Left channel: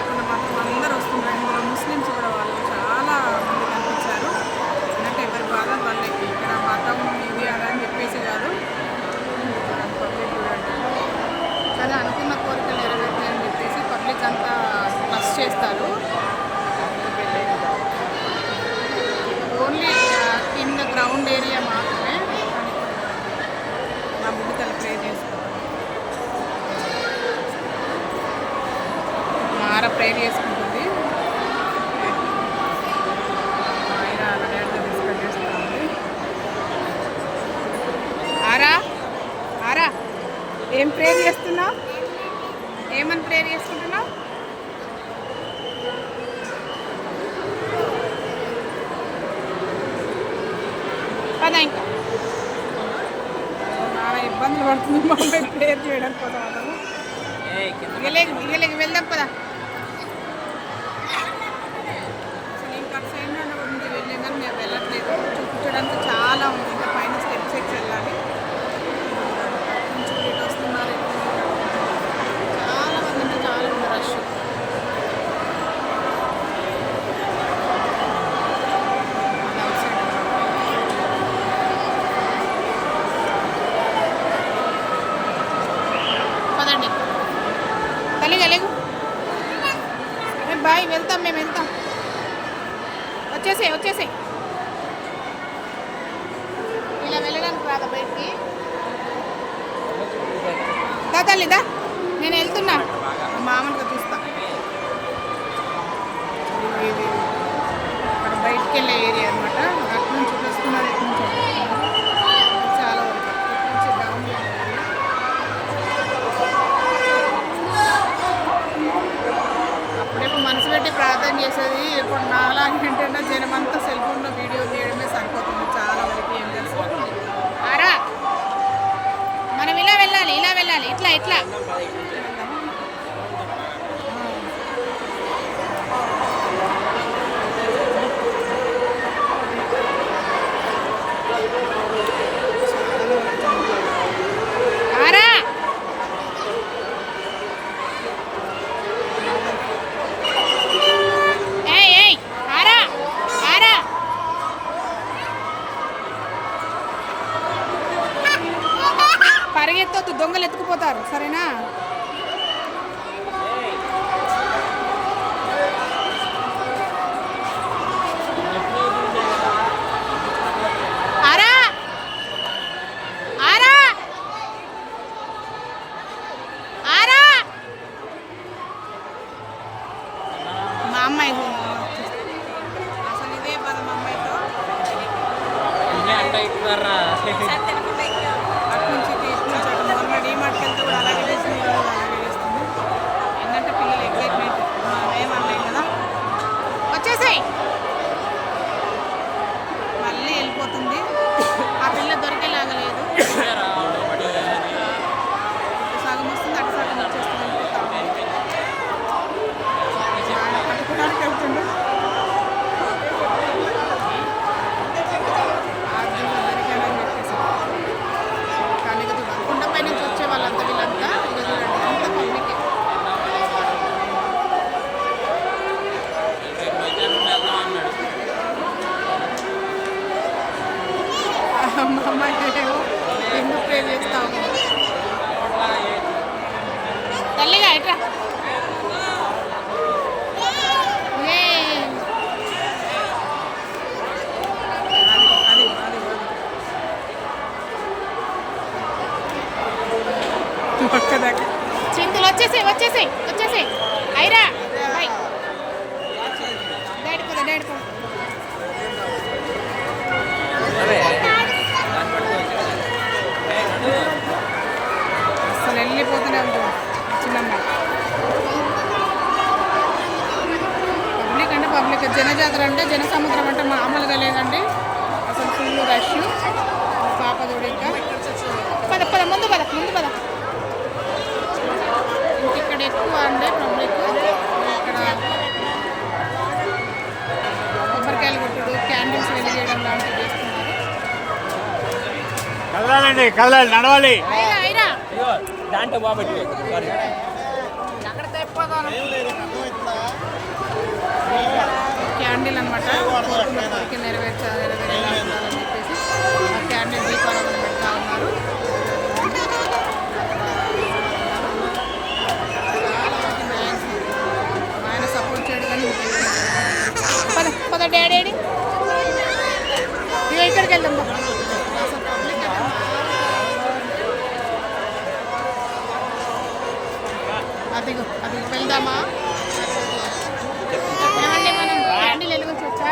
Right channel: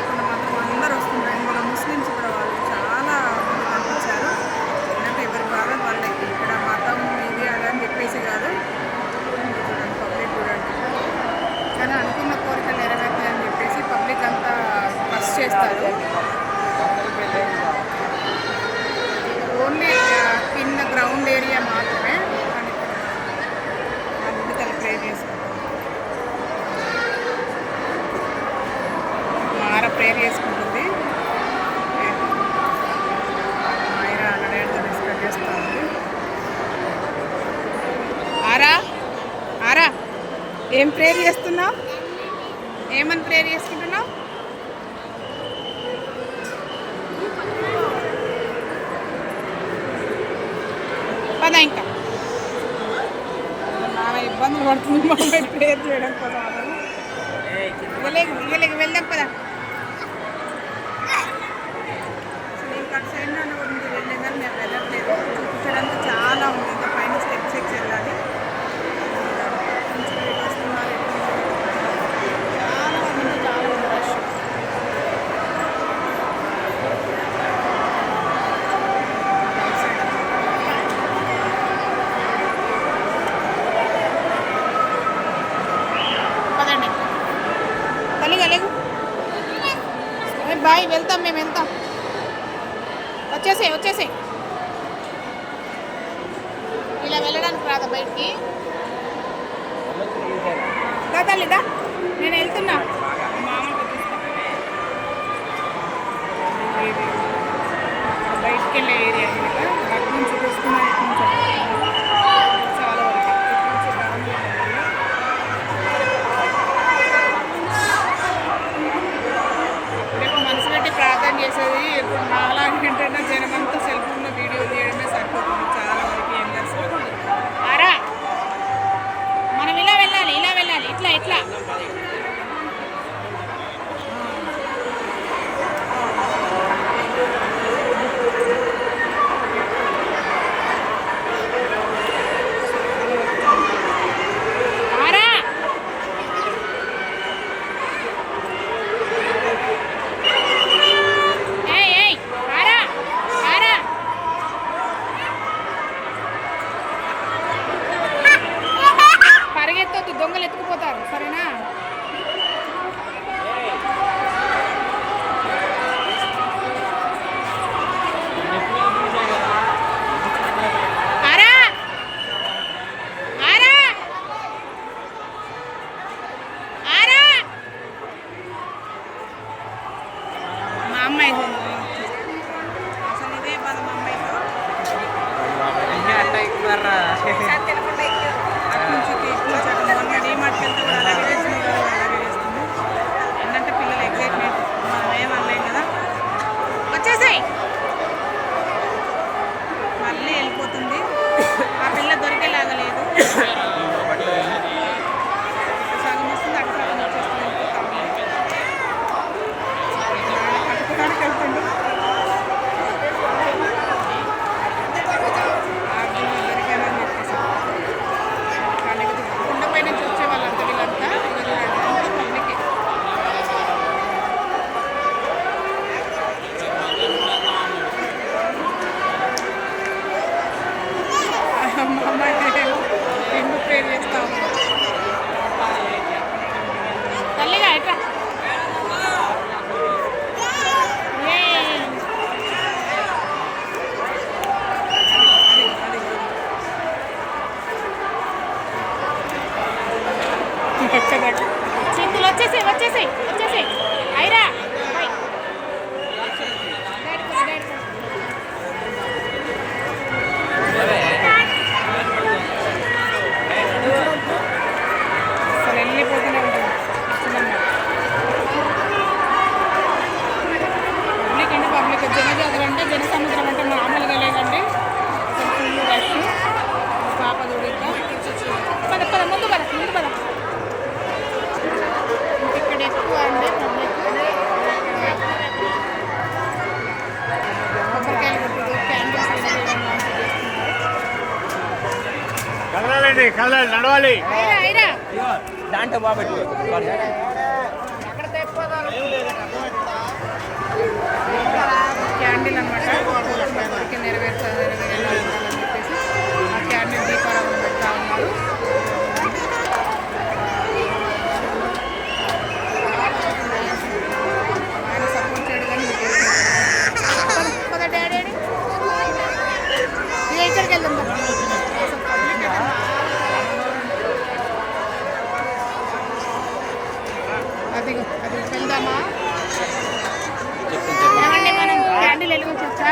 లేకుండా మాత్రం అందరూ వస్తున్నారు. ఇందులో ముస్లిమ్స్ కూడా వాళ్ళు చాలా మంది కనిపించారు. అంటే ఎవరి బాధ వాళ్ళకి, ఇక్కడ మతం ఇది అదని చెప్పేసి కాదు. చూడండి పబ్లిక్ చూడండి. కానీ అనుకున్న కోరికలు నెరవేర్తాయని చెప్పేసి పబ్లిక్ అంతా బస్ చేస్తారు. ఓన్లీ కింద గ్రౌండ్ ఏరియా మాత్రమే. కానీ ఇప్పుడు మా బుడ్డి తల్లి ప్రేర్ చేసుకుంటాం. మార ప్రేర్ చేసుకుంటుంది. మాయరా అలా డాడీతో డిస్కస్ చేస్తూ ఉంది. ఆరా ఆరా ఏం ప్రేర్ చేస్తున్నావు? ఏమని ప్రేర్ చేసుకుంటున్నావు? పదా ఇంకా నాన్న ఇబ్బందులు పడుతుంది మా అమ్మాయి ప్రేర్ చేయడం కోసం. అతను ఇగలేకి వెళ్దాం పదా. అసలు ఇంకా అటు సైడ్ నాన్న గురించి వెళ్ళాం కానీ మేము వెళ్ళట్లేదు. చూపించడానికి చాలా ఉంది. ఇంకా పైన స్టెప్స్ ఎక్కి వెళ్ళాలి. ఇటు వస్తున్నారు. చాలా మంది అంటే చాలా మంది రష్. అది అవుట్ సైడ్ అనమాట. పదండి తల్లిగా లేగు. బాయ్ వెళ్తాం, మేము వెళ్తాం. వచ్చేసే ఇలా వెళ్ళడానికి రాదా బయటికి? దా తల్లి దా, నేను వెళ్తున్నా. మామూలుగా చూస్తా. ఇది అక్కడ బయటికి వెళ్ళే ఏరియా అనమాట. అటు నుంచి వస్తున్నారు, ఇటు నుంచి చాలా వరకు ఇటు నుంచి డౌన్ ఏరియా. అప్పుడేప్పుడు మనసు పెట్టి ప్రార్థన చేసేది. ఇప్పుడు నాలాగే ఏంటంటే జనమంతా సెల్ ఫోన్లో వీడియో తీయడమే సరిపోతుంది చాలా వరకు. ఏం తెలుసు ఆరా, మనం ఇలా వెళ్ళాలి ఇట్లా ఆరా. పరిగెత్తొద్దు, దొంగలు ఎత్తుకుపోతారు సరేనా? ఆరా ఆరా ఆరా. మా అమ్మాయి అసలు ఇదే బాధ మా అమ్మాయితో. అటు నుంచి తీసుకొచ్చాడు. మొన్న డీమార్ట్కి వెళ్తే కూడా అలాగే చేస్తుంది, ఈరోజు కూడా అలాగే చేస్తుంది. ఏంటంటే పిల్లలు ఎగ్జైట్మెంట్, మనం ఏమనలేం కదా. వచ్చేసాయి మళ్ళీ వెళ్ళిపోతుంది. ఆ పిల్ల దొరికేలాగా లేదు. ఇటు సగం వస్తుంది, అటు సగం వచ్చేస్తుంది. వెళ్ళిపోతా ఉంది. ఆయన పట్టుకోవడానికి వెళ్తుండు. ఆర్డీలో దొరికానని చెప్పేసి కానీ కొండపై నుంచి వచ్చే వాళ్ళంతా వీళ్ళంతా ఇక చూడండి అంత పబ్లిక్. మా అమ్మాయి ఎందుకు ప్రేర్ చేస్తావు తల్లిగా ఎట్రా. చింతలు వచ్చేసాయి ఐరా బాయ్. అసలు వెళ్ళిపోతూనే ఉంటుంది చిన్నమ్మ. పబ్లిక్ అంటే పబ్లిక్, జనజాతర అంటే జనసముద్రం అంటే మామూలుగా లేదండి. అసలు ఫుల్ రష్. పాప చూడు ఇంకా పద ముందు పద. ఇక్కడ ఎక్కువ అండి పబ్లిక్. ఇక్కడ కొబ్బరికాయలు కొట్టుడు, క్యాండిల్స్ చేయడం లాంటివి చేస్తున్నారు. కదలాలి నడవాలి. ఐరా దాంట్లో బాబెట్టు అక్కడ తెప్ప క్యాండిల్ అనమాట, కోరుకున్న కోరిక నెరవేరేలా ఉండాలని చెప్పేసి ఆ క్యాండిల్ దీపారాధన పెడతా ఉన్నారు. అక్కడ చాలా మంది మ్యాక్సిమం ఆయన సపోర్ట్ చేయడు కానీ డాడీ ఇక్కడికి వెళ్దాం. అసలు పబ్లిక్ అయితే అదిగో అది వెళ్దామా? ఏమండి మనం క్యాండిల్ వెలిగించవచ్చా?